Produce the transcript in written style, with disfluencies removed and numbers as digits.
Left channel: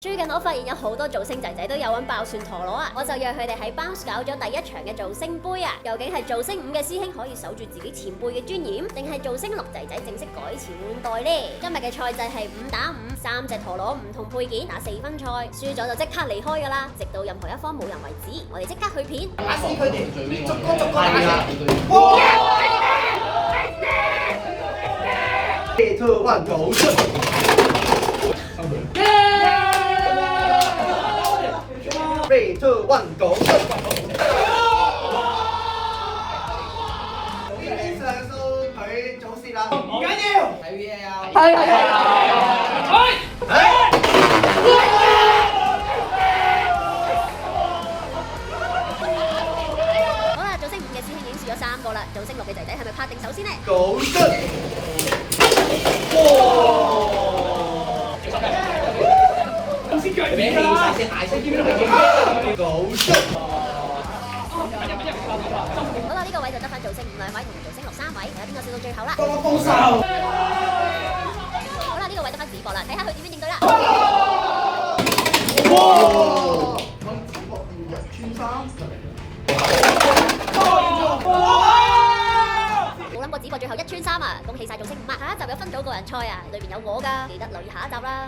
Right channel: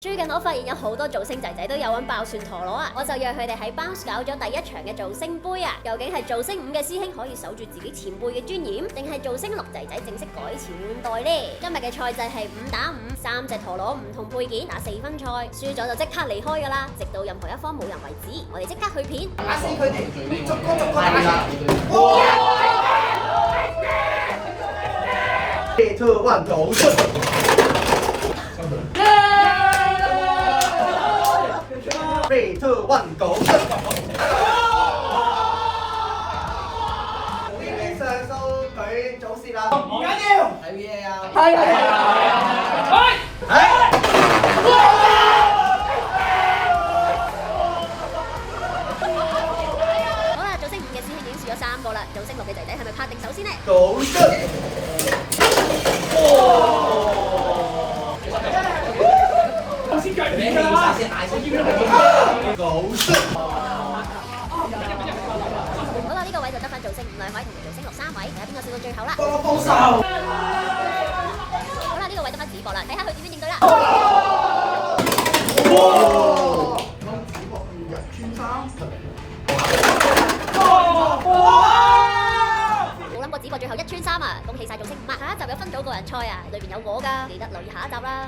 最近我發現有好多造星仔仔都有揾爆蒜陀螺啊，我就約佢哋喺 Bounce 搞咗第一場嘅造星杯啊！究竟係造星5嘅師兄可以守住自己前輩嘅尊嚴，定係造星6仔仔正式改朝換代呢？今日嘅賽制係5打5，3隻陀螺唔同配件打4分賽，輸咗就即刻離開噶啦，直到任何一方冇人為止。我哋即刻去片，打死佢哋，逐個打死。3、2、1，走出！3、2、1，走出！呢邊上訴佢早泄啦，唔緊要，睇 VAR。好啦，造星5嘅師兄已經輸咗3個啦，造星6嘅仔仔係咪拍定手先呢？走出！先計面㗎啦！好啦，呢個位就得翻造星5兩位同埋造星6 3位，睇下邊個笑到最後啦。幫手！好啦，呢個位得翻子博啦，睇下佢點樣應對啦。哇！子博2日穿3。冇諗過子博最後1穿3啊！恭喜晒造星5啊！下一集有分組個人賽啊，裏邊有我㗎，記得留意下一集啦。